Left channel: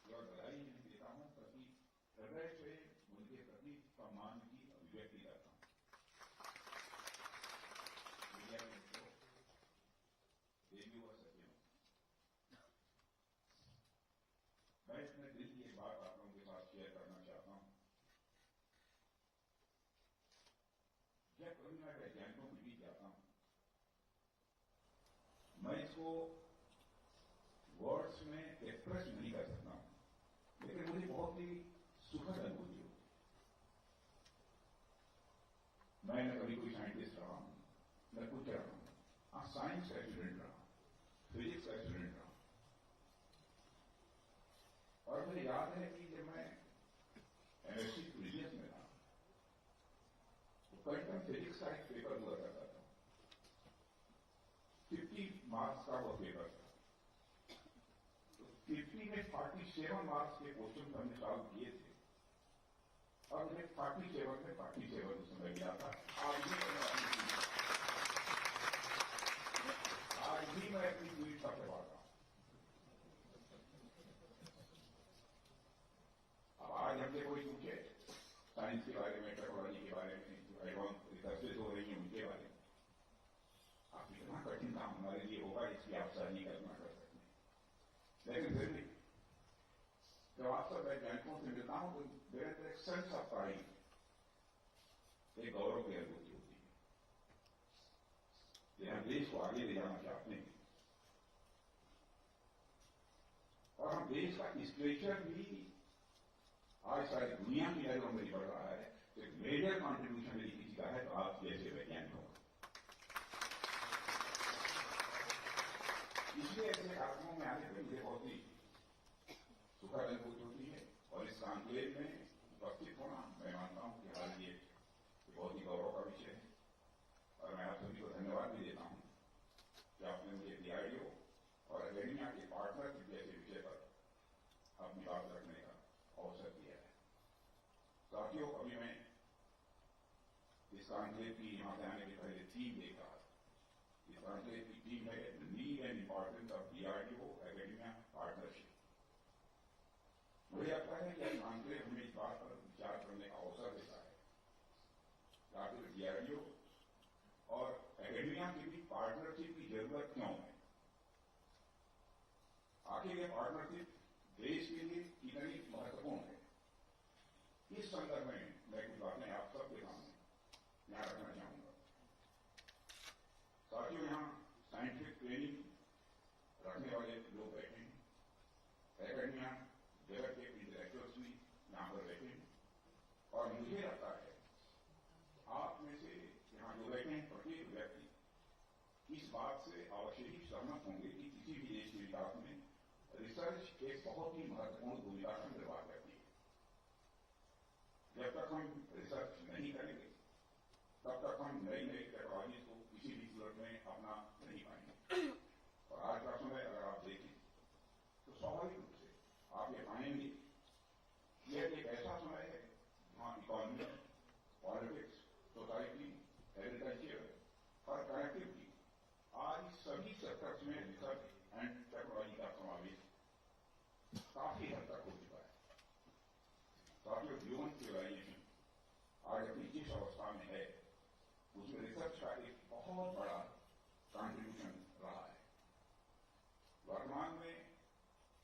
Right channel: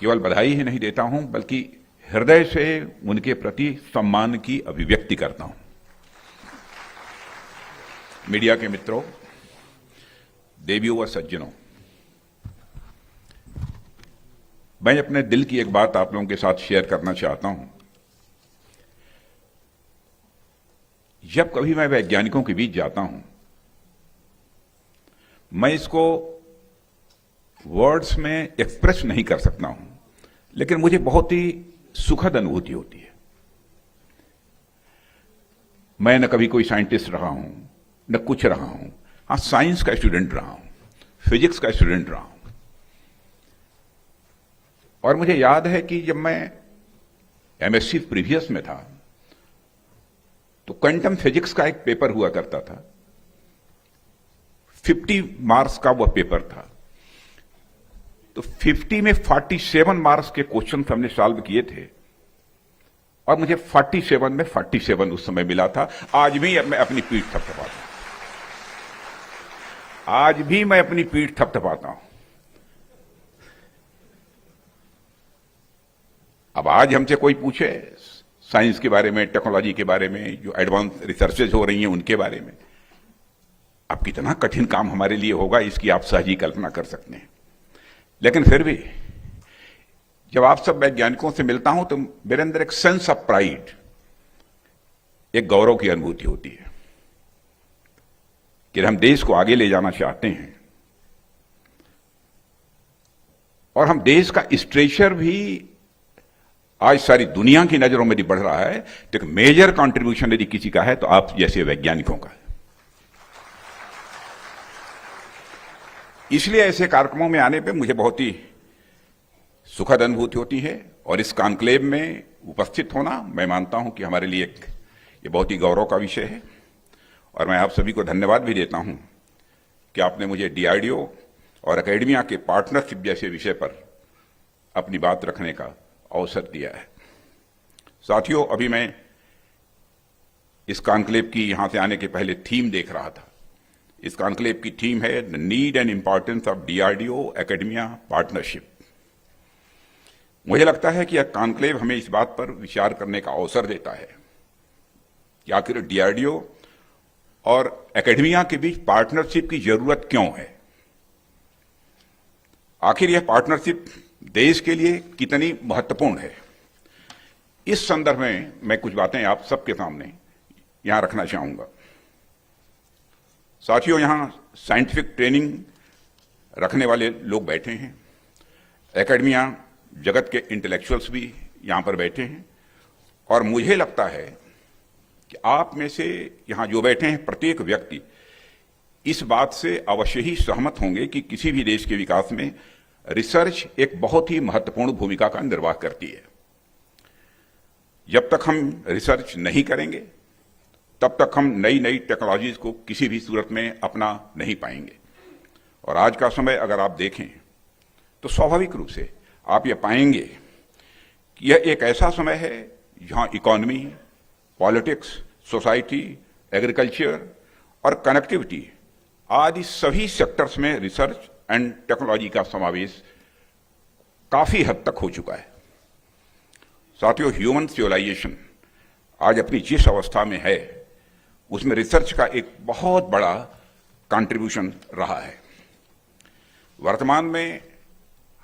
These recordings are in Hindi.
केवल बधाई ही नहीं देता हूं बल्कि हृदय से उनके प्रति सम्मान की अभिव्यक्ति करता हूं। मीडिया के मित्रों, देवियों व सज्जनों, मैं अपने दिल की एक बात आप लोगों के साथ शेयर करना चाहता हूं। जब कभी मैं वैज्ञानिकों के बीच जाता हूं, मैं इसको वर्ड्स में एक्सप्रेस नहीं कर सकता हूं, लेकिन मुझे बहुत ही सुखद अनुभूति होती है। मैं न कभी कोई साइंटिस्ट रहा हूं, न कुछ रहा हूं। हाँ, साइंस का स्टूडेंट रहा हूं, फिजिक्स का स्टूडेंट रहा हूं। और मुझे याद है कि जब मैं एमएससी प्रीवियस में था तो क्वांटम फिजिक्स का एक पेपर हुआ करता था। 50 मार्क्स का वह पेपर था। तो 50 में 47 मार्क्स के क्वेश्चन हमने सॉल्व किए थे और मुझे 47 में 47 उस समय मिला था। आज भी मैं अपनी पीठ थपथपाता हूं। आज भी मैं अपनी पीठ थपथपाता हूं। अब आज हमसे कोई पूछे साइंस के बारे में, टेक्नोलॉजी के बारे में, जो एडवांस रिसर्चेज हो रही हैं उनके बारे में, अब कितना कठिन काम हमारे लिए होगा इसकी आप सहज ही कल्पना कर सकते हैं। लेकिन फिर भी जब आप सब वैज्ञानिकों से मिलता हूं तो मेरे अंदर एक सेंस ऑफ प्राइड, एक गौरव की अनुभूति होती है कि हम देश को आगे ले जाना चाहते हैं और हम देश का स्ट्रेचर भी आज सारी दुनिया की नजरों में बढ़ रहा है। तो एक मेजर कंट्रीब्यूशन यदि किसी का है तो आप जैसे वैज्ञानिकों का है। इसलिए ऐसे कार्यक्रमों में आने पे मुझे बहुत ही सुखद अनुभूति होती है और इस कॉन्क्लेव में उपस्थित होना मैं मानता हूं कि हमारे लिए ये बहुत ही गौरव का विषय है। और मैं आप सभी को धन्यवाद भी देता हूं कि आपने मुझे डीआरडीओ और एकेडमिया के पार्टनरशिप जैसे विषय पर अपनी बात रखने का अवसर दिया है। साथियों, अभी मैं इस कॉन्क्लेव की यहां से आने के पहले थीम देख रहा था। इस कॉन्क्लेव की थीम है the need and importance of DRDO academia partnership. मुझे लगता है कि यह कॉन्क्लेव हमें इस बात पर विचार करने का अवसर देता है कि आखिर डीआरडीओ और एकेडमिया के बीच पार्टनरशिप की जरूरत क्यों है। आखिर यह पार्टनरशिप देश के लिए कितनी महत्वपूर्ण है। इस संदर्भ में मैं कुछ बातें आप सबके सामने यहां रखना चाहूंगा। साथियों, यहां साइंटिफिक ट्रेनिंग रखने वाले लोग बैठे हैं, एकेडमिया जगत के इंटेलेक्चुअल्स भी यहां पर बैठे हैं और मुझे लगता है कि आप में से यहां जो बैठे हैं प्रत्येक व्यक्ति इस बात से अवश्य ही सहमत होंगे कि किसी भी देश के विकास में रिसर्च एक बहुत ही महत्वपूर्ण भूमिका का निर्वाह करती है। जब तक हम रिसर्च नहीं करेंगे तब तक हम नई नई टेक्नोलॉजीज को किसी भी सूरत में अपना नहीं पाएंगे। और आज का समय अगर आप देखें तो स्वाभाविक रूप से आप ये पाएंगे कि यह एक ऐसा समय है जहां इकोनॉमी, पॉलिटिक्स, सोसाइटी, एग्रीकल्चर और कनेक्टिविटी आदि सभी सेक्टर्स में रिसर्च एंड टेक्नोलॉजी का समावेश काफी हद तक हो चुका है। साथियों, ह्यूमन सिविलाइजेशन आज अपनी जिस अवस्था में है उसमें रिसर्च का एक बहुत बड़ा कंट्रीब्यूशन रहा है। वर्तमान में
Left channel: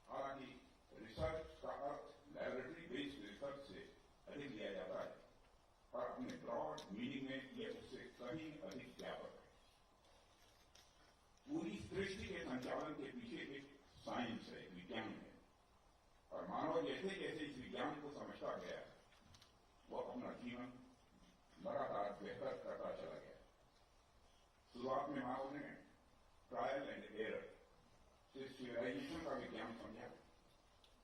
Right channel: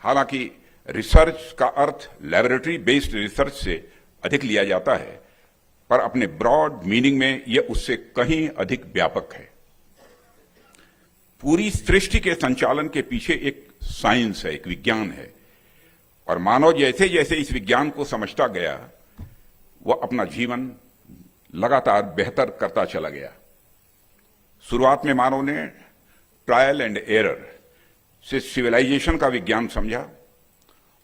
हालांकि रिसर्च का अर्थ लैबोरेटरी बेस्ड रिसर्च से अधिक लिया जाता है, पर अपने ब्रॉड मीनिंग में यह उससे कहीं अधिक व्यापक है। पूरी सृष्टि के संचालन के पीछे एक साइंस है, एक विज्ञान है और मानव जैसे जैसे इस विज्ञान को समझता गया वह अपना जीवन लगातार बेहतर करता चला गया। शुरुआत में मानव ने ट्रायल एंड एरर से सिविलाइजेशन का विज्ञान समझा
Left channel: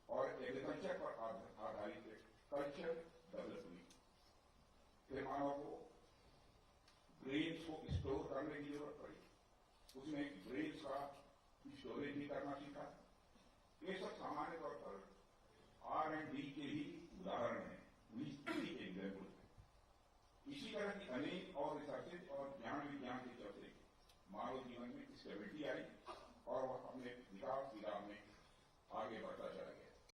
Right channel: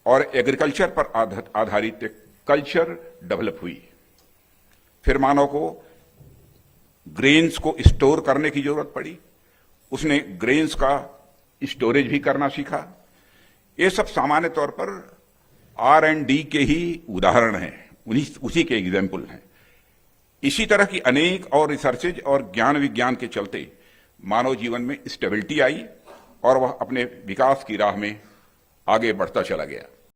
और एग्रीकल्चर पर आधारित एक कल्चर डेवलप हुई। फिर मानव को ग्रेन्स को स्टोर करने की जरूरत पड़ी, उसने ग्रेन्स का स्टोरेज भी करना सीखा। ये सब सामान्य तौर पर R&D के ही उदाहरण हैं, उसी के एग्जाम्पल हैं। इसी तरह की अनेक और रिसर्चेज और ज्ञान विज्ञान के चलते मानव जीवन में स्टेबिलिटी आई और वह अपने विकास की राह में आगे बढ़ता चला गया।